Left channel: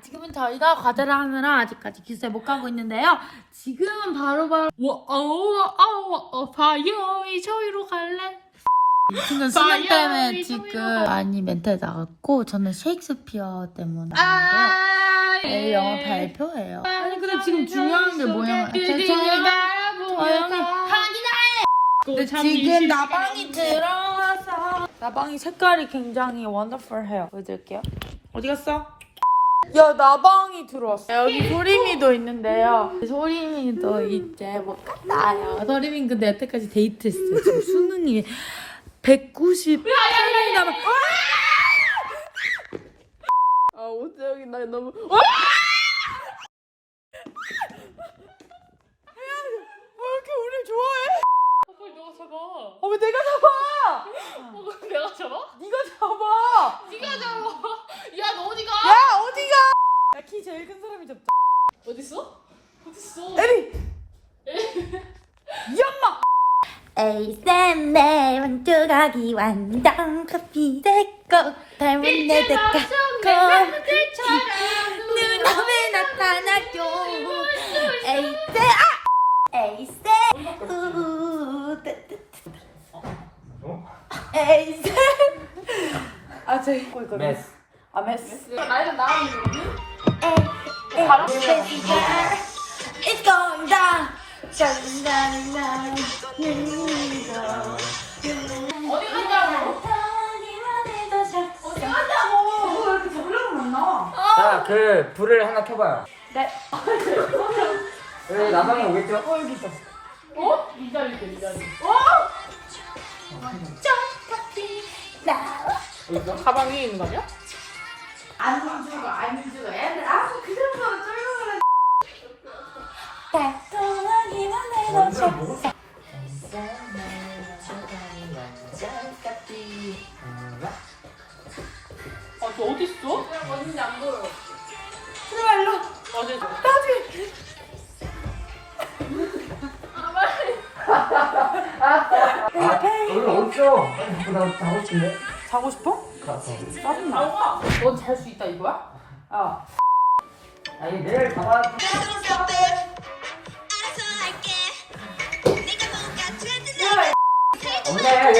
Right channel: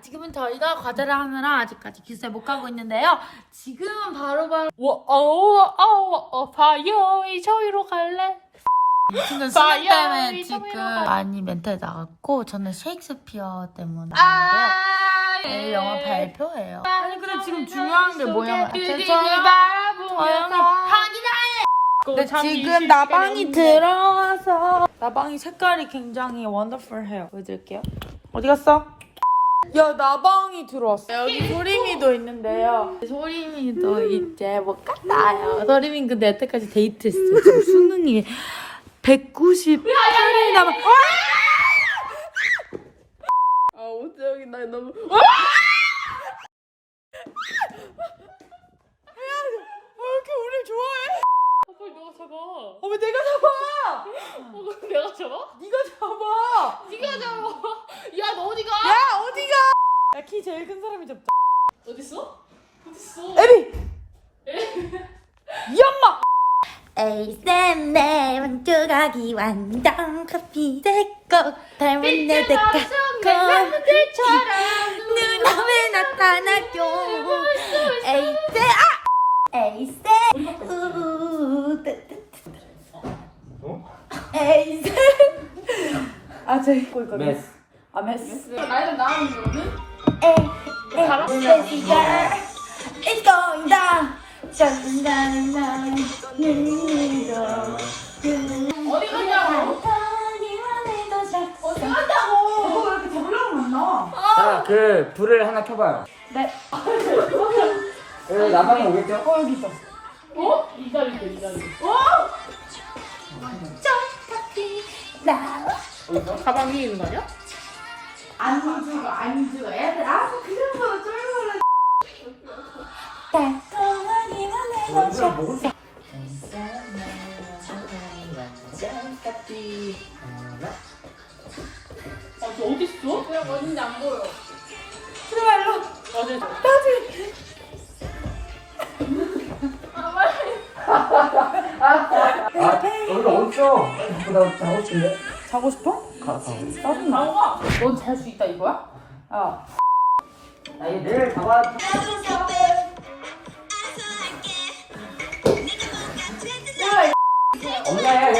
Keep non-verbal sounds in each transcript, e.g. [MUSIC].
지금은 저희가 과제를 하느라 아직까지 기숙사에 못 가고 있는데요. 지금은 바로바로 워어어어 바이오이 저희로 갈래? 이 친구는 수능 때문에 지금 많이 멘탈 나갔고 저는 셰익스피어 때문에 왔는데요. 내일 영화 발표예요. 아니 근데 지금 중요한 게 뭐냐면. 조용히 근데 지금 나방이 들어와서 나방이 색깔이 굉장히 원더풀해요. 보여드릴게요. 어디 갔어? 야 나방이 들어왔어. 여기 소림이도 있는데요. 소림이도 이제 못 갔다요. 소림이 근데 여태까지 데이트했어요. 지금 수능이 198일 남아. 아 오재영이 나 너무. 왜 이렇게 우리 좋아해? 어, 너가 잡아. 어, 왜 내가 잡아? 어, 내가 잡아? 네가 잡아. 네가 잡아. 야, 너 어디가? 야 어디가? 야 키 제일 큰 사람이 잡자. 어딨어? 어딨어? 에비. 이 엄마. 에이쌤 내랑 조각이 완전 커피 내꼭 닮은 내 대가 눈앞에 나타나요 에이쌤 아 에이쌤 우우. 에이쌤 아 저기 꼴 거기 메스. 아 메스 나이가 나오는 거는? 바람 It's going down. Going down, down. 어디 갔냐고? 어디 갔냐고? 왜 이렇게 잡으려고 안 나와? 자, 그 불을 하나 켜봐요. 네. 여기 나방이 오겠죠? 어 여기 있어. 어? 이 자리 있대, 이 자리. 나. 가방 위에 있는 거 아니야? 달콤하기만 해도 좋 아. 아, 저 어디 있어? 그냥 어딘지 안 보여. 그래 일로. 어디 있어? 나지. 아? 나 자고 싶어? 가, 가. 짜증나. 넌잘 수 있다 이거야? 야. 아니, 내일 잡아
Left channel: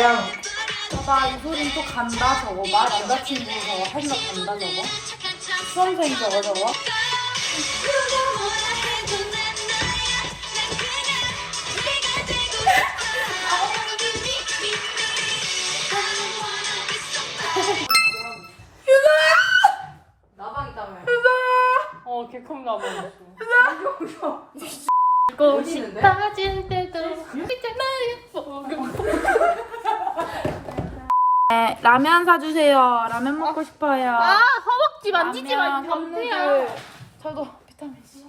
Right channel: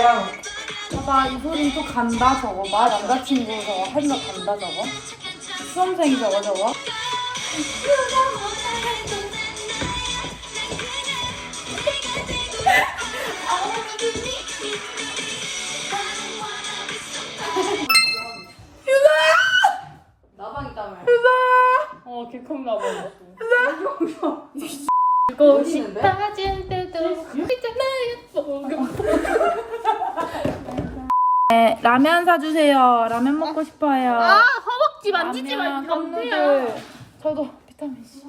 그냥. 봐봐 이소린 또 간다 저거 봐 남자친구 저거 하지마 간다 저거 수험생 저거 저거 나방 있다며. 어, 개컴. 듣고 싶 빠질 때도 있잖아요. 네, 라면 사주세요. 라면 먹고 싶어요. 아, 허벅지 만지지 라면 말고. 컵누들. 저도 비타민 C.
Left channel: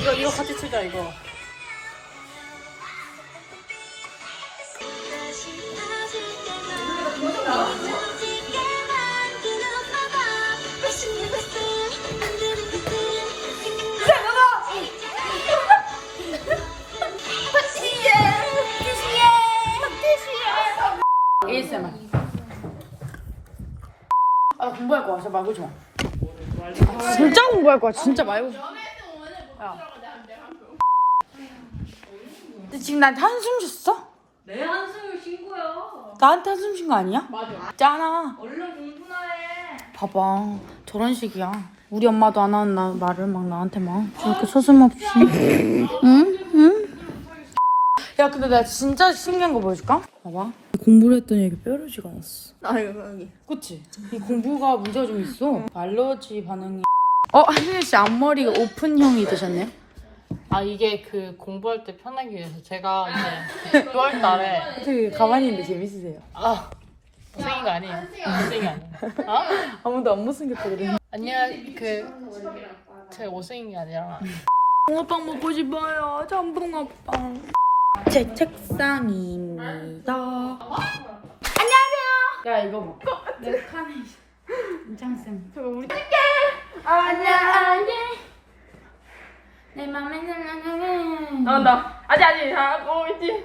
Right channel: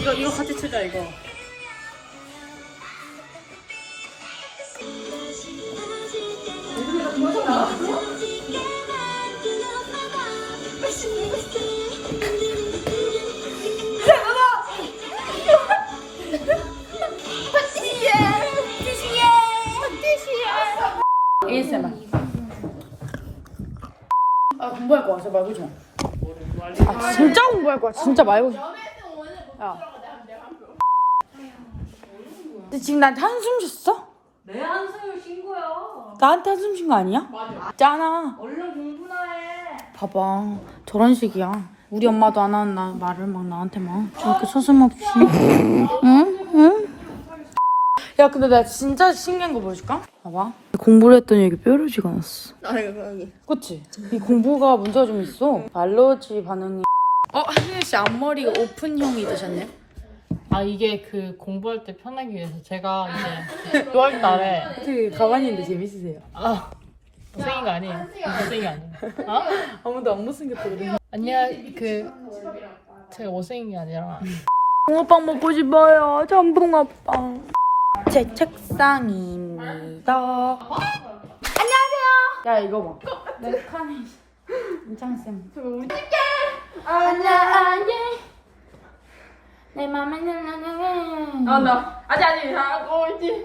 이거, 이거 같이 치자, 이거. ASMR 아 공부할 거야 제발 말고 좀아 진짜 공부할 거야 진짜 말고 좀 야. 너 지금 나한테 한숨 줬어? 내 한숨을 쉰 거야. 나한테 한숨 준 거 아니야? 맞아. 잖아 얼른 공부나 해. 봐봐 저런 식이야 우리 엄마도 안 하는 나, 말을 막 나한테 막 저렇게 서슴없이 응? 응? 야 근데 내가 진짜 신기한 거 보여줄까? 봐봐 공부를 했더니 여기 뾰루지가 났어 아, 여기, 여기. 그치? 이 공부가 문제가 좀 있어 알러지 반응이 어? 한윤 씨 앞머리가 오픈형이 되셨네요? 아, 이게 그 공부할 때 편하기 위해서 제가 이제 6월 달에 되게 가만히 있는데 재밌으세요 아, 못생긴 거 아니에요. 못생긴 거 아니에요. 어? 아무도 안 못생겼다 그래 아니야, 그, 제가 못생긴 게 아니라. 붕어빵 먹고 싶어요 전붕어빵 제 책상입니다. 안녕하세요. 야 이거 뭐? 카네이션. 임창쌤. 저거 우리 네. 찍게. 아니야 아니. 내 맘에 들면 아, 나. 아직, 아직, 하고 있지.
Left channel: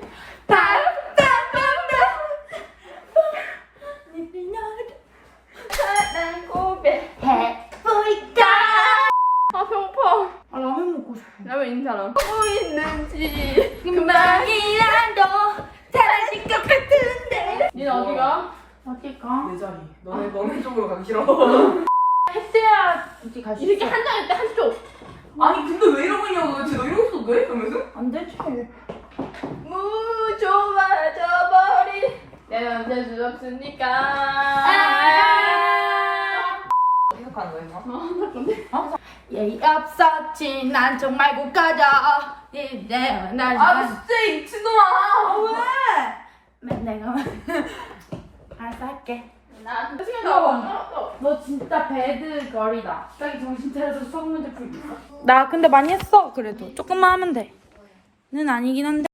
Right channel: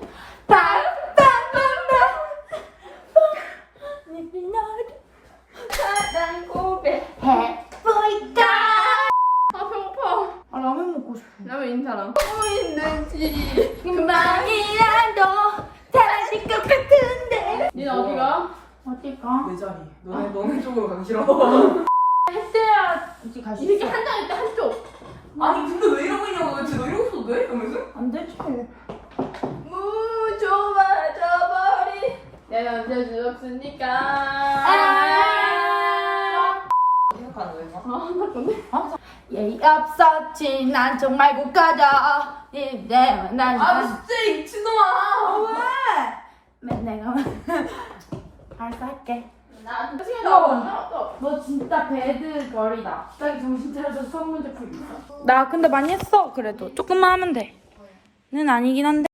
아, 배고파. 아, 라면 먹고 싶어. 라면 있는 사람. 디가? 어딜까? 내 자리. 너네 너네 쪽으로 가기 싫어. [LAUGHS] 했어야지 갈수 이렇게 있어. 한 장일 때 한쪽. 아니 근데 왜 이러고 있냐고 도대체 너 이러고 있어도 돼? 이러면서? 안 되지. 무 좁아져 버린 내 언제 수 없으니까. 생각하는? 예의 없었지. 난 정말 못 가져. 이제 난아 진짜 이 미친놈아. 맨 내가 알았어 할게. 나 여보. 나와. 너 진짜 배드 걸이다. 갑자기 정신 차려서 수학 문제 풀기. 나 근데 많이 했어. 그래도 조금만 하면 돼. 는 아니긴 한데.